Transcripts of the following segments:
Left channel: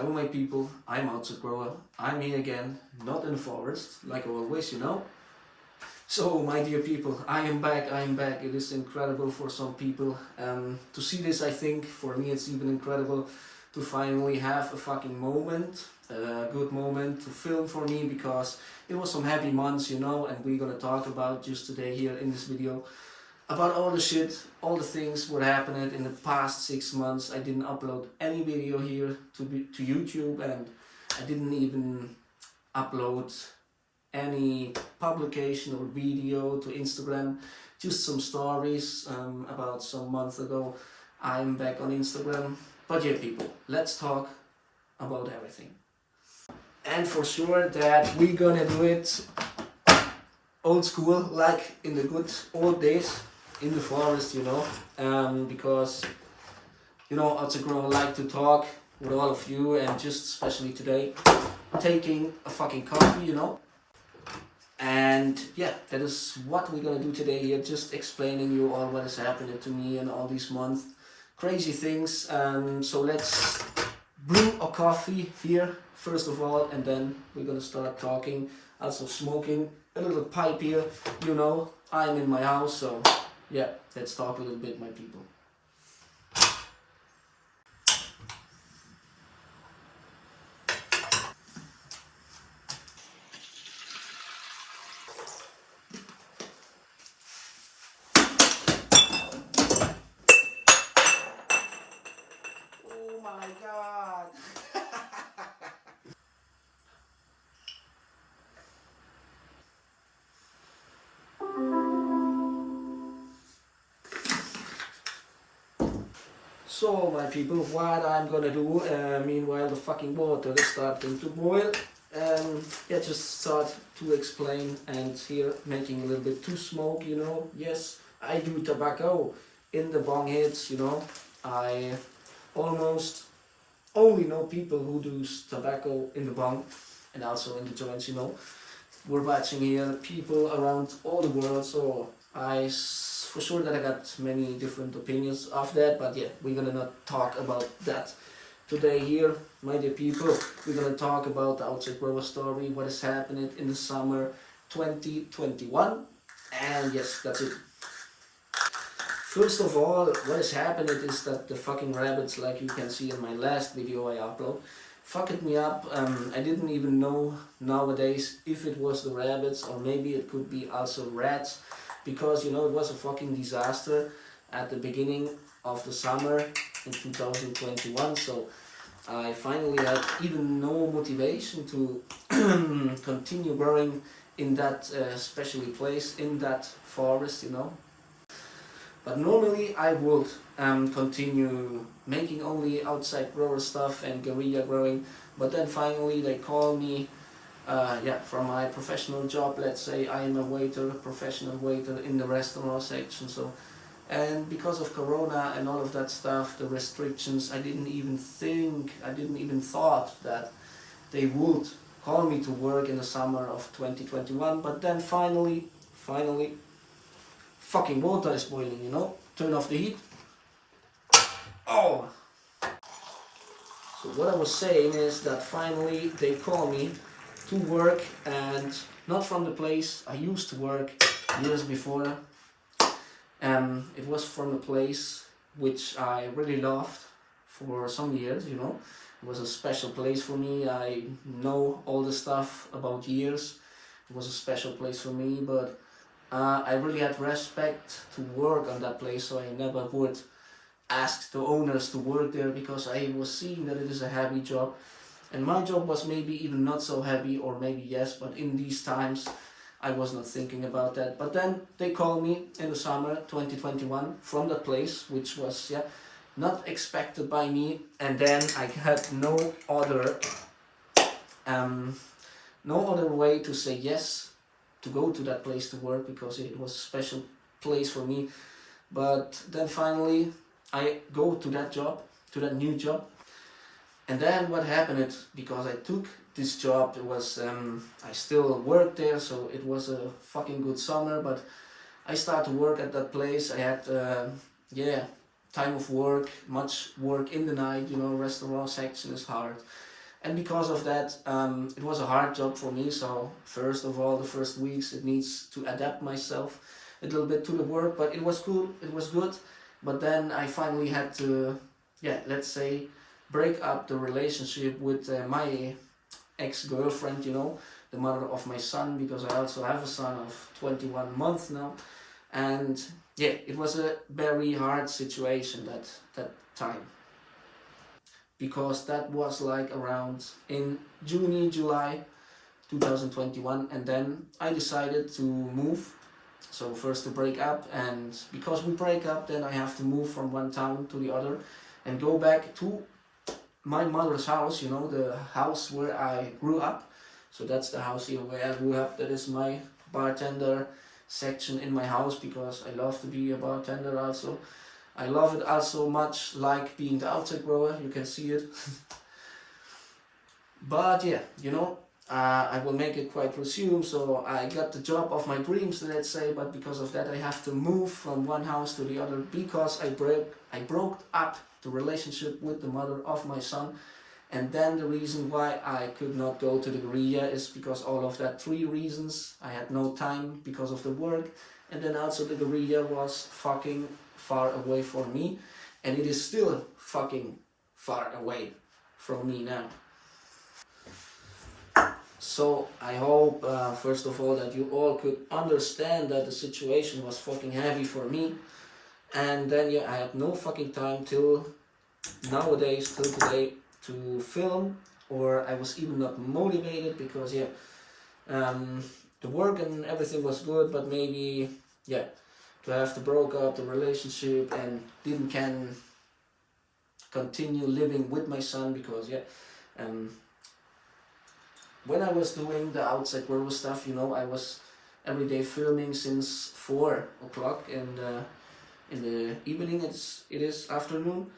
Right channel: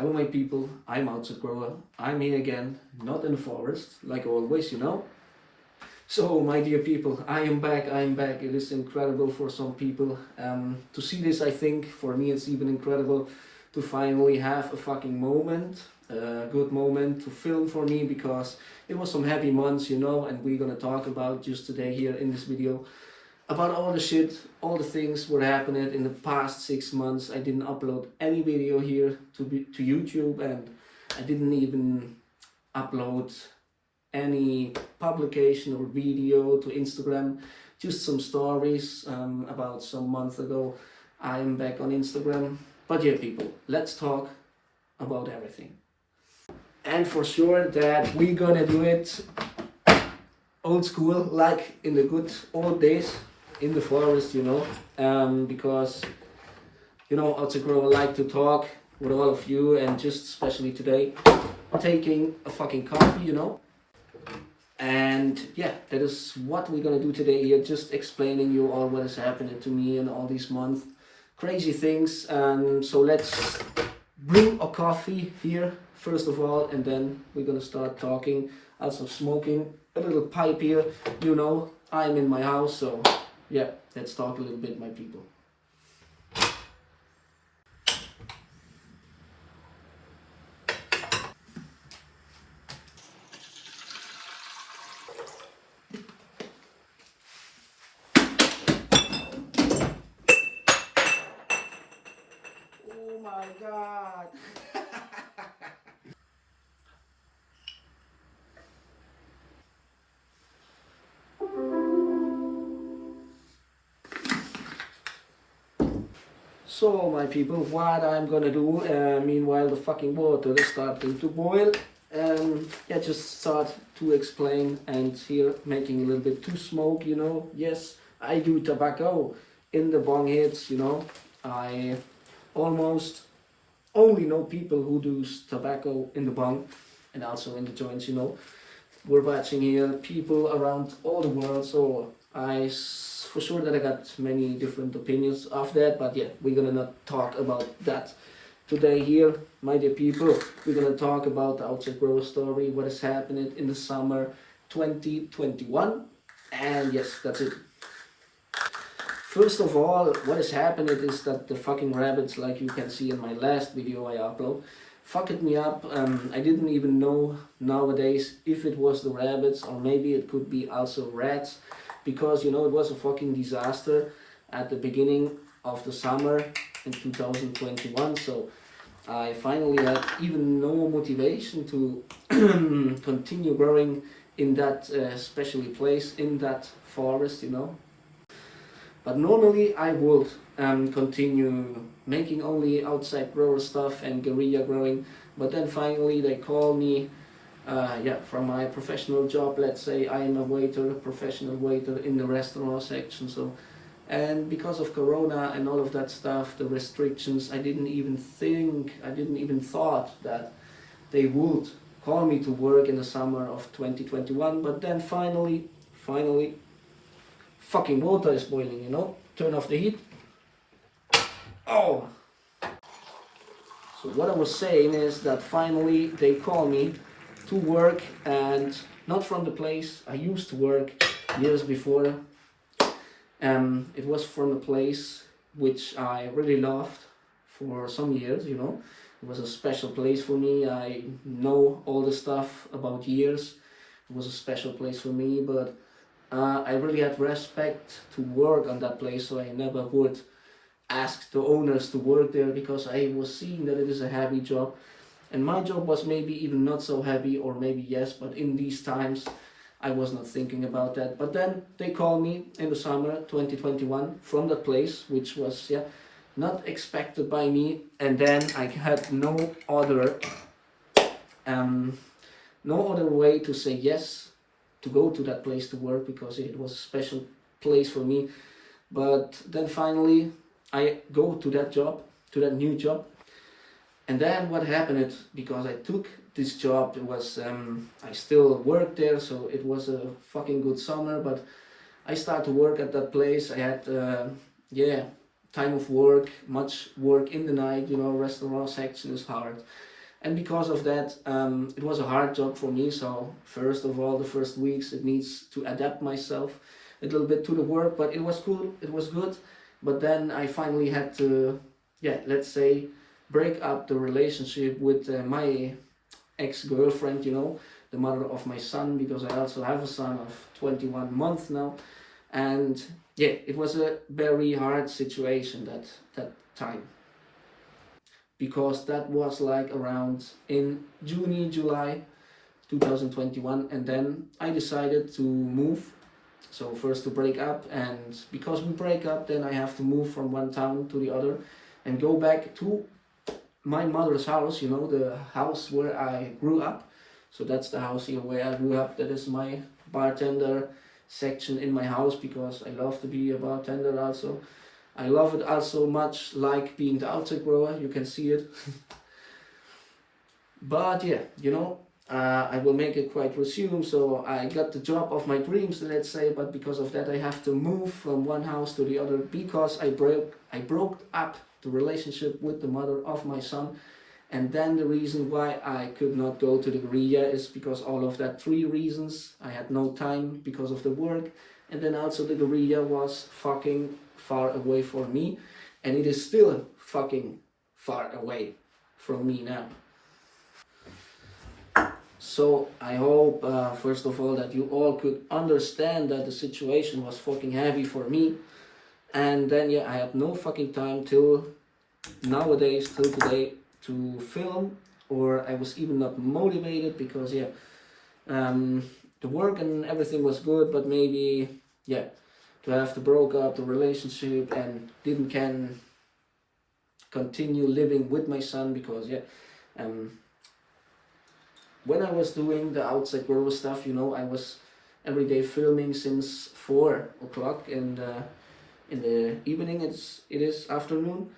Hello my people, I'm Outsidegrower. I'm here again, not in the forest, like always, you know. So my dear people, I am back. It is incredible for some people to see this. I think for me it's even incredible to finally have a fucking moment, a good moment to film for me, because it was some happy months, you know, and we're gonna talk about just today here in this video about all the shit, all the things were happening in the past 6 months. I didn't upload any video here to YouTube, and I didn't even upload any publication or video to Instagram, just some stories about some months ago. I'm back on Instagram. But yeah people, let's talk about everything. And for sure that we're gonna do it old school, like in the good old days in the forest, you know, because you know, Outsidegrower like to talk with all of you, and just especially today taking a fucking coffee, you know. And yeah, that is what we're gonna do today here, just explaining you all what is happening to me in all these months, crazy things. So let's brew a coffee here first of all, and then we're gonna start talking, also smoking a little pipe here, you know. I'm in my house, so yeah, let's talk a little bit, my people. Oh my god. So my people, what I'm gonna do, meanwhile the fucking water is starting to boil, yeah, just start to explain, and here making a little bit to smoke, you know. Yes, I do tobacco in the bong hits, you know. I almost only know people who do tobacco in the bong and also in the joints, you know. We're watching here people around all the world, so for sure that I got many different opinions of that, but yeah, we're gonna not talk about that today here, my dear people. We're gonna talk about the Outsidegrower story, what is happening in the summer 2021, and yes, that's it. First of all, what is happening is that the fucking rabbits, like you can see in my last video I upload, fucked me up. I didn't even know nowadays if it was the rabbits or maybe it could be also rats, because you know it was a fucking disaster at the beginning of the summer in 2021. So I finally had even no motivation to continue growing in that specially place, in that forest, you know. But normally I would continue making only Outsidegrower stuff and guerrilla growing, but then finally they call me yeah, from my professional job. Let's say I am a waiter, a professional waiter in the restaurant section. So, and because of Corona and all of that stuff, the restrictions, I didn't even thought that they would call me to work in the summer of 2021. But then finally, fucking water is boiling, you know. Turn off the heat. Oh! So what I was saying is that finally they call me to work, and not from the place I used to work years before. It was from a place which I really loved for some years, you know. It was a special place for me. I know all the stuff about years. It was a special place for me, but I really had respect to work on that place, so I never would ask the owners to work there, because I was seeing that it is a heavy job. And my job was maybe even not so heavy, or maybe yes, but in these times I was not thinking about that. But then they called me in the summer 2021 from that place, which was, yeah, not expected by me. And then I had no other way to say yes to go to that place to work, because it was a special place for me. But then finally I go to that job, to that new job. And then what happened, because I took this job, it was I still worked there, so it was a fucking good summer. But I started to work at that place. I had yeah, time of work, much work in the night, you know, restaurant section is hard. And because of that, it was a hard job for me. So first of all, the first weeks, it needs to adapt myself a little bit to the work, but it was cool, it was good. But then I finally had to, yeah, let's say, break up the relationship with my ex-girlfriend, you know, the mother of my son, because I also have a son of 21 months now. And yeah, it was a very hard situation that time, because that was like around in June, July 2021, and then I decided to move. So first to break up, and because we break up, then I have to move from one town to the other and go back to my mother's house, you know, the house where I grew up. So that's the house here where I grew up. That is my bartender section in my house, because I love to be a bartender also. I love it also much like being the outside grower, you can see it. But yeah, you know, I will make it quite resume. So I got the job of my dreams, let's say, but because of that I have to move from one house to the other, because I broke up the relationship with the mother of my son. And then the reason why I could not go to the guerrilla is because all of that 3 reasons. I had no time because of the work, and then also the guerrilla was fucking far away from me, and it is still fucking far away from me now. So I hope, first of all, that you all could understand that the situation was fucking heavy for me. And then yeah, I had no fucking time till nowadays, till today, to film, or I was even not motivated, because yeah, the work and everything was good, but maybe yeah, to have to broke up the relationship and didn't can continue living with my son, because yeah, when I was doing the Outsidegrower stuff, you know, I was every day filming since 4 o'clock in the evening. It is afternoon.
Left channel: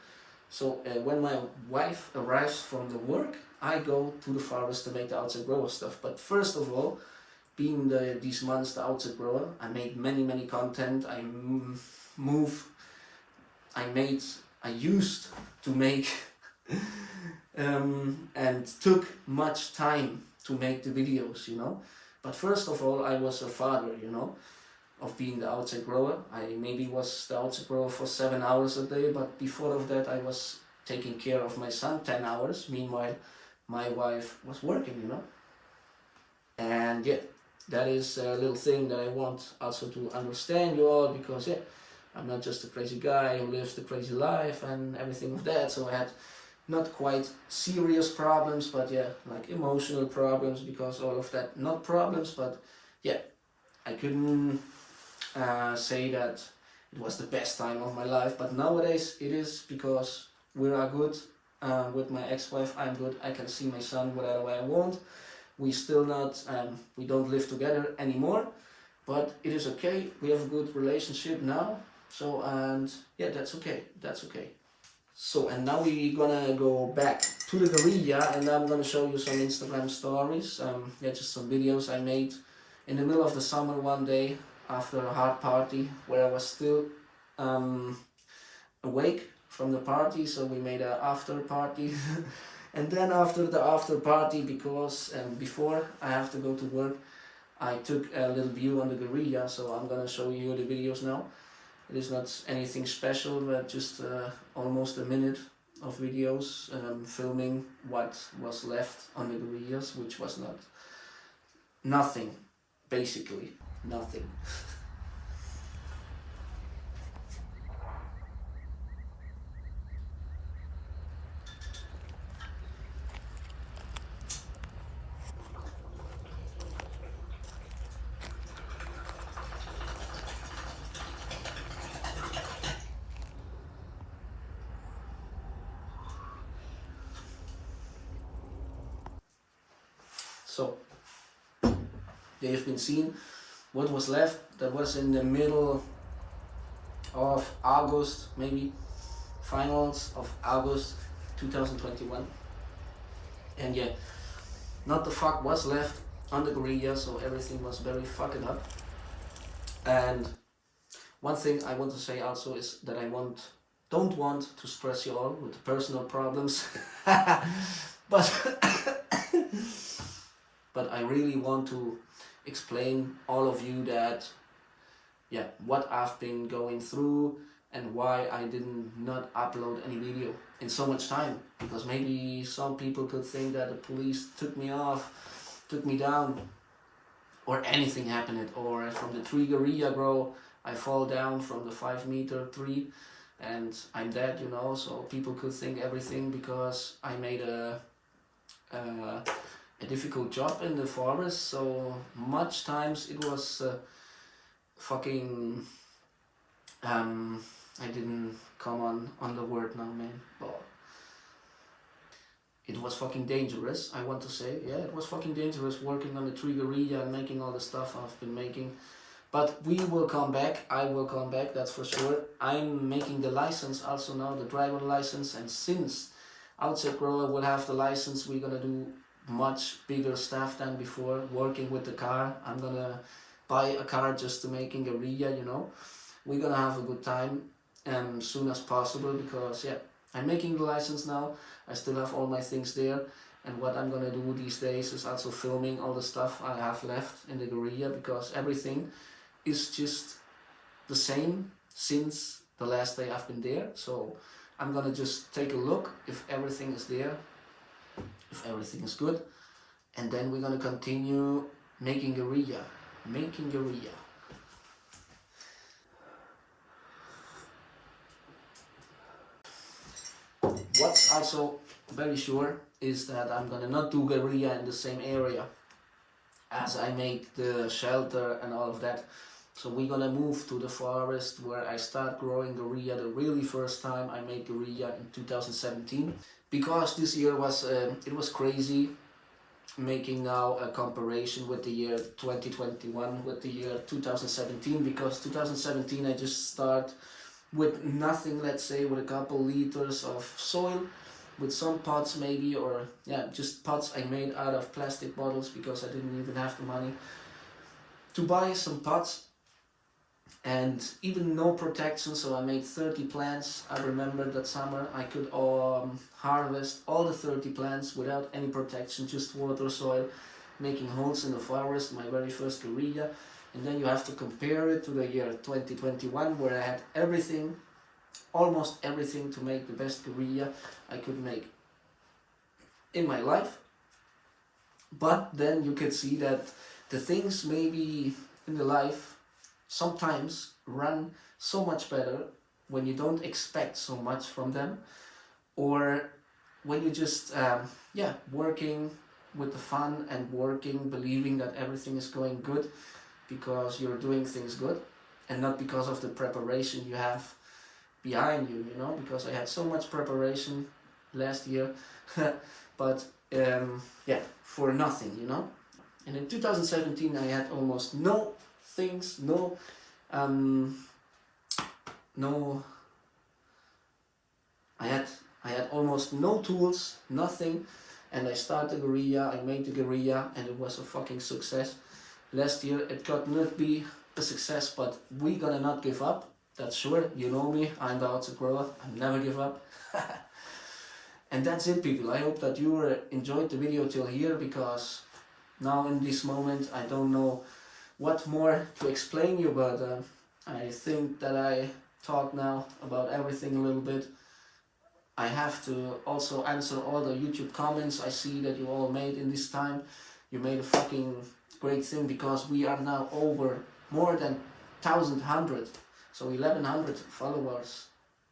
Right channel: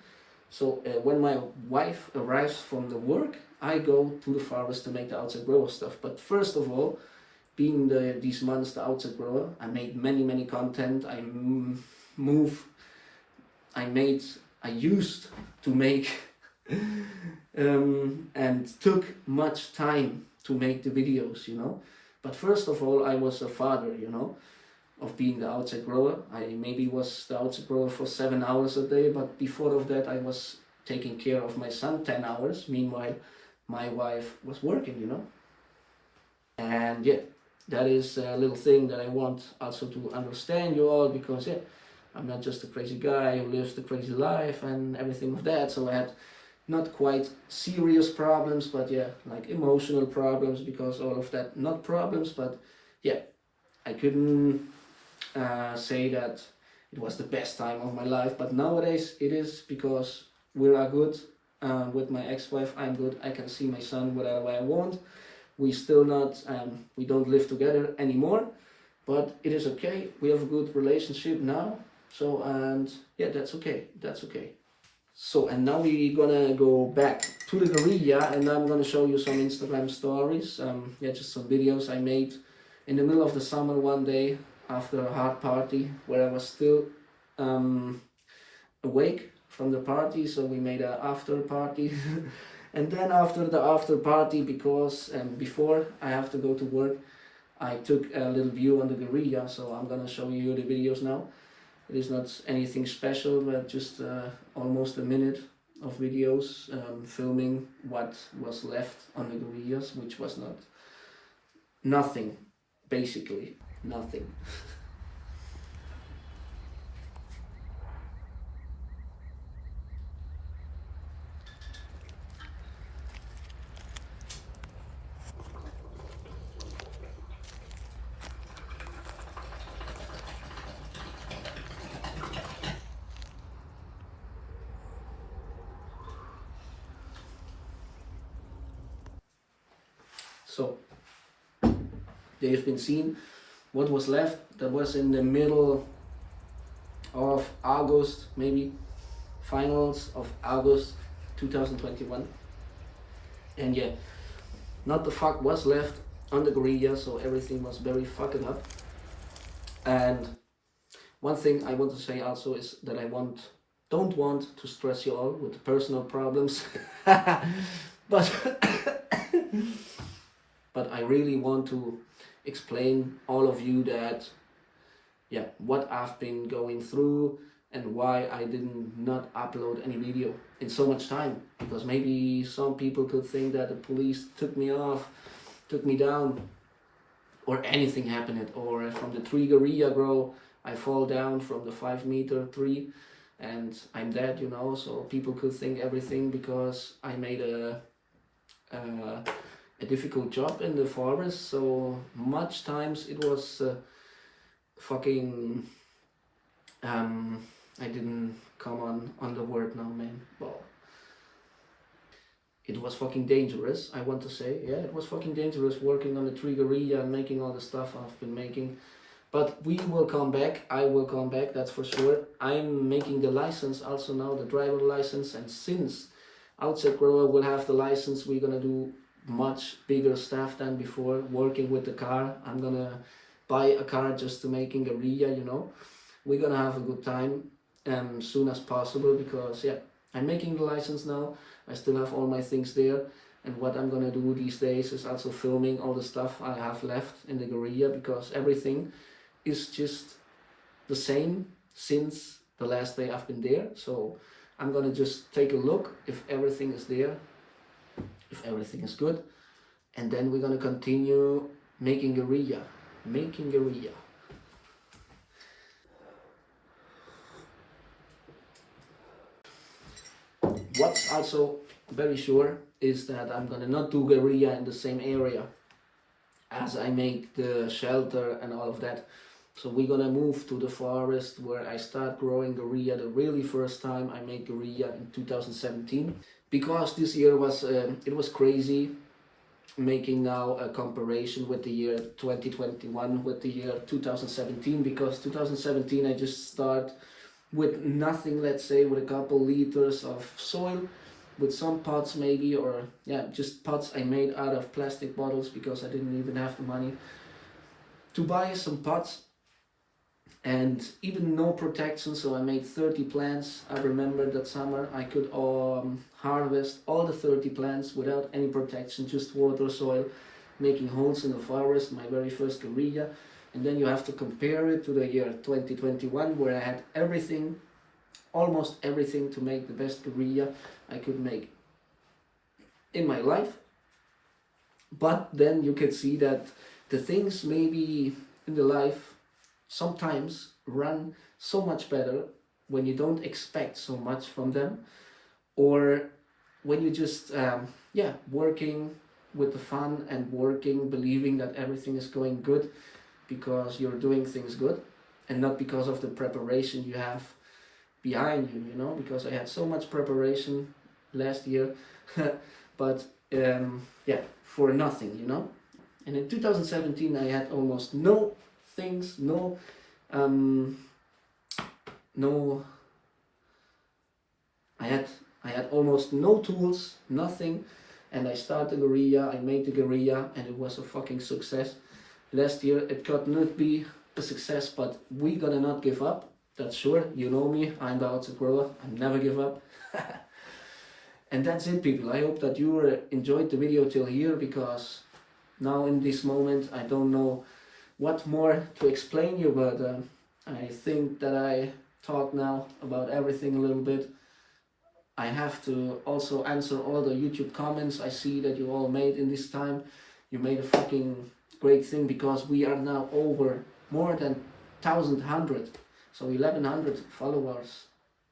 So when my wife arrives from the work, I go to the forest to make the Outsidegrower stuff. But first of all, being these months the Outsidegrower, I made many content. I used to make and took much time to make the videos, you know. But first of all, I was a father, you know, of being the Outsidegrower. I maybe was the Outsidegrower for 7 hours a day, but before of that I was taking care of my son 10 hours. Meanwhile, my wife was working, you know. And yeah, that is a little thing that I want also to understand you all, because yeah, I'm not just a crazy guy who lives the crazy life and everything of that. So I had not quite serious problems, but yeah, like emotional problems, because all of that, not problems, but yeah, I couldn't say that it was the best time of my life, but nowadays it is, because we are good with my ex-wife. I'm good, I can see my son whatever way I want. We still not, we don't live together anymore, but it is okay. We have a good relationship now. So, and yeah, that's okay, that's okay. So, and now we're gonna go back to the guerrilla, and I'm gonna show you some Instagram stories. Yeah, just some videos I made in the middle of the summer one day after a hard party, where I was still awake from the party. So we made an after party. And then after the after party, because before I have to go to work, I took a little view on the guerrilla. So I'm gonna show you the videos now. It is not anything special, but just almost a minute of videos filming what was left on the guerrillas, which was nothing, basically nothing. So they've been seen what was left. That was in the middle of August, maybe finals of August 2021. And yeah, not the fuck was left on the guerrilla, so everything was very fucked up. And one thing I want to say also is that I want don't want to stress you all with the personal problems, but but I really want to explain all of you that, yeah, what I've been going through and why I didn't not upload any video in so much time. Because maybe some people could think that the police took me off, took me down, or anything happened, or from the tree guerrilla grow, I fall down from the 5-meter tree and I'm dead, you know. So people could think everything because I made a difficult job in the forest. So much times it was fucking I didn't come on the word now, man. But it was fucking dangerous, I want to say. Yeah, it was fucking dangerous working on the tree guerrilla and making all the stuff I've been making. But we will come back. I will come back, that's for sure. I'm making the license also now, the driver license. And since Outsidegrower will have the license, we're gonna do much bigger stuff than before, working with the car. I'm gonna buy a car just to making guerrilla, you know. We're gonna have a good time soon as possible, because yeah, I'm making the license now. I still have all my things there. And what I'm gonna do these days is also filming all the stuff I have left in the guerrilla, because everything is just the same since the last day I've been there. So I'm gonna just take a look if everything is there, if everything is good, and then we're gonna continue making guerrilla. What's also very sure is that I'm gonna not do guerrilla in the same area as I make the shelter and all of that. So we're gonna move to the forest where I start growing guerrilla the really first time I made guerrilla in 2017. Because this year was it was crazy making now a comparison with the year 2021 with the year 2017, because 2017 I just start with nothing, let's say with a couple liters of soil, with some pots maybe, or yeah, just pots I made out of plastic bottles because I didn't even have the money to buy some pots, and even no protection. So I made 30 plants. I remember that summer I could harvest all the 30 plants without any protection, just water, soil, making holes in the forest, my very first guerrilla. And then you have to compare it to the year 2021, where I had everything, almost everything, to make the best guerrilla I could make in my life. But then you could see that the things maybe in the life sometimes run so much better when you don't expect so much from them, or when you just working with the fun and working, believing that everything is going good because you're doing things good, and not because of the preparation you have behind you, you know. Because I had so much preparation last year but for nothing, you know. And in 2017 I had almost no things, I had almost no tools, nothing, and I started the guerrilla, I made the guerrilla, and it was a fucking success. Last year it could not be a success, but we gonna not give up, that's sure. You know me, I'm the Outsidegrower, I never give up. And that's it, people. I hope that you enjoyed the video till here, because now in this moment I don't know what more to explain you, but I think that I talked now about everything a little bit. I have to also answer all the YouTube comments I see that you all made in this time. You made a fucking great thing, because we are now over more than 1,100, so 1,100 followers,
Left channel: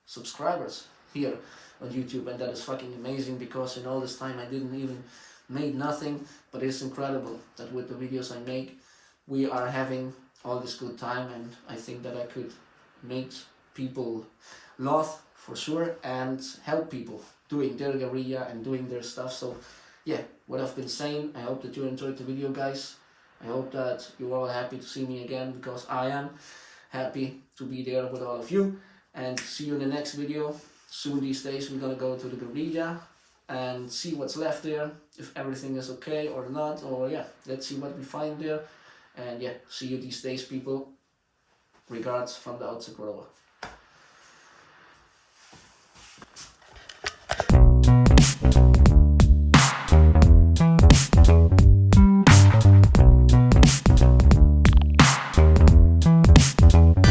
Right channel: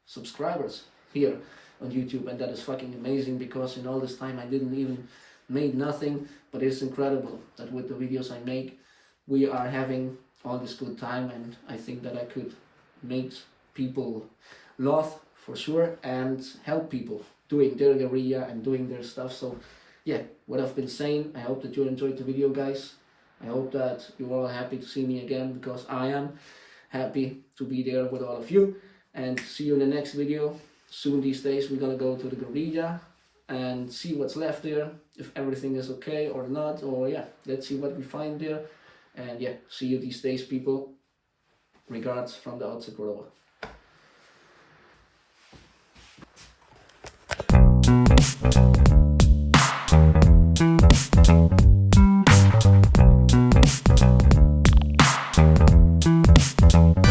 subscribers here on YouTube, and that is fucking amazing, because in all this time I didn't even made nothing. But it's incredible that with the videos I make we are having all this good time, and I think that I could make people laugh for sure and help people doing their guerrilla and doing their stuff. So yeah, what I've been saying, I hope that you enjoyed the video, guys. I hope that you're all happy to see me again, because I am happy to be there with all of you. And see you in the next video. Soon these days we're gonna go to the guerrilla and see what's left there, if everything is okay or not, or yeah, let's see what we find there. And yeah, see you these days, people. Regards from the Outsidegrower. Bye.